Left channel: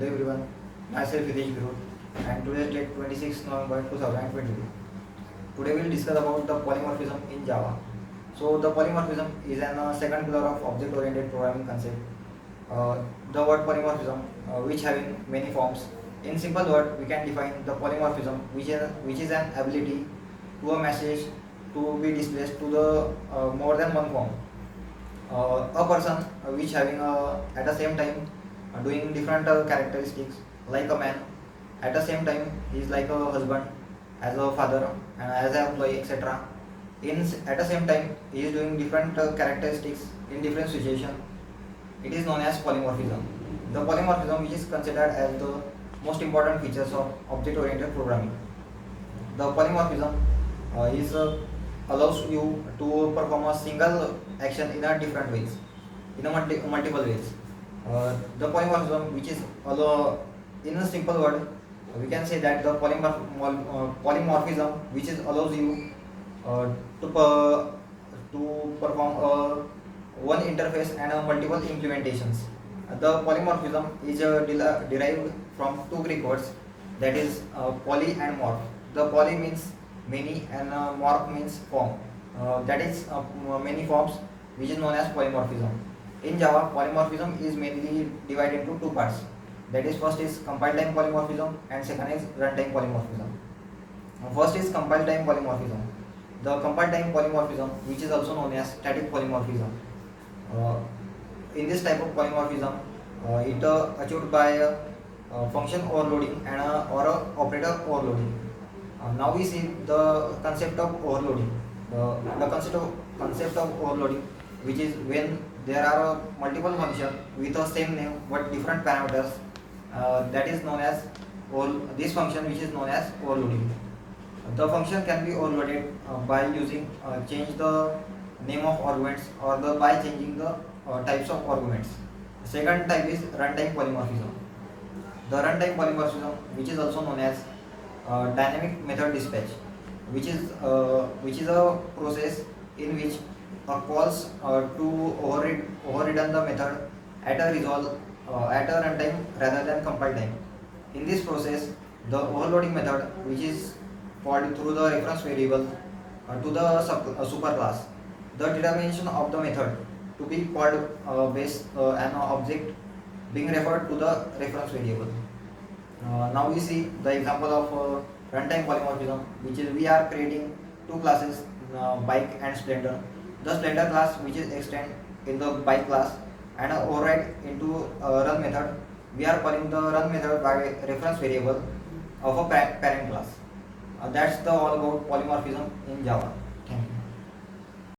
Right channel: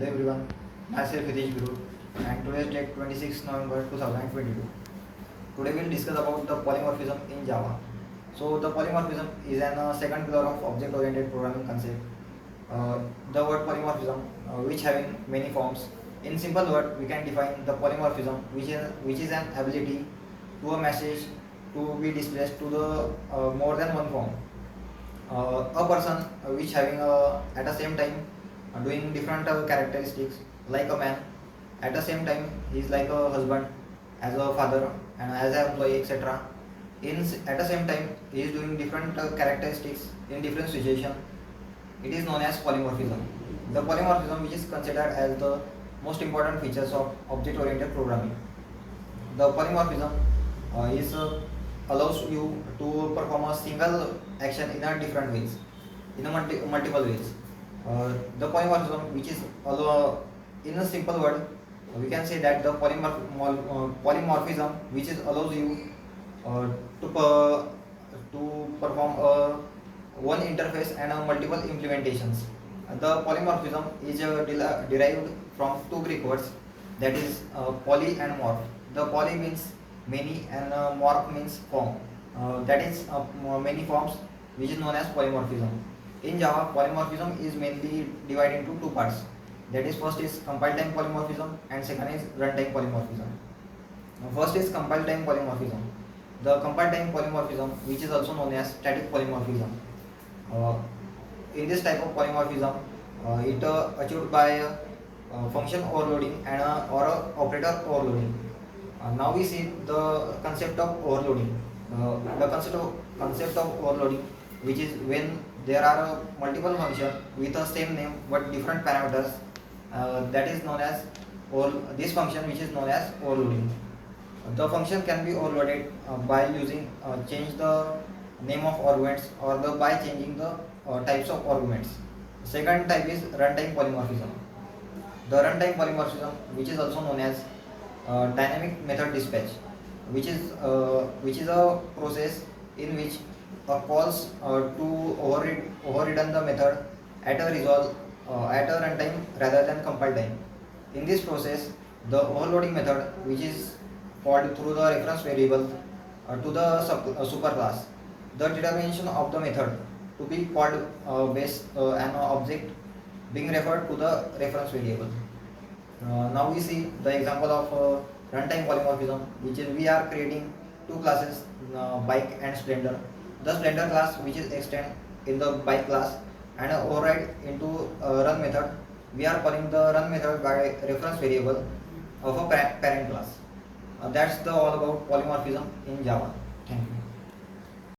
Hello everyone, myself Hitesh Guru and today is date 26 November 2022. Today we'll discuss about the polymorphism in Java. So the polymorphism is an second pillar of object-oriented programming concept. The word polymorphism, which having many forms. In simple word, we can define the polymorphism, which is an ability to a message to be displayed to the more than one form. A person which having at the same time doing different characteristics like a man, at the same time he is like a husband, as a father and as an employee, etc. At the same time he is doing different characteristics in different situation. It is known as polymorphism. The polymorphism, which is considered as the most important features of object oriented programming. The polymorphism is allows you to perform a single action in a different ways, in a multiple ways. The polymorphism, which is in a simple word, we can say that the polymorphism, which is allows you to perform one interface and multiple implementations. The polymorphism is derived from two Greek words, that is poly and morph. The poly means many and morph means form. That is many forms, which is known as polymorphism. In Java, polymorphism is mainly divided into two parts. That is, first is compile time polymorphism and second is runtime polymorphism. First is compile time polymorphism. The compile time polymorphism, which is also known as static polymorphism. Uh, in this type of polymorphism, it achieved by function overloading and or operator overloading. Now we see the concept of overloading. The concept of overloading, which is when there are multiple functions with the same name but different parameters. That is known as this function, which is known as overloading. The function can be overloaded by using change the name of arguments or by changing the types of arguments. Second type is runtime polymorphism. The runtime polymorphism, which is also known as dynamic method dispatch, which is a process in which calls to overridden the method at a resolve at a runtime rather than compile time. In this process, the overloading method, which is called through the reference variable to the superclass. The determination of the method to be called based an object being referred to the reference variable. Now we see the example of runtime polymorphism, which is we are creating two classes, bike and splendor. The splendor class, which is extend in the bike class and override into run method. We are calling the run method by reference variable of a parent class. That's the all about polymorphism in Java.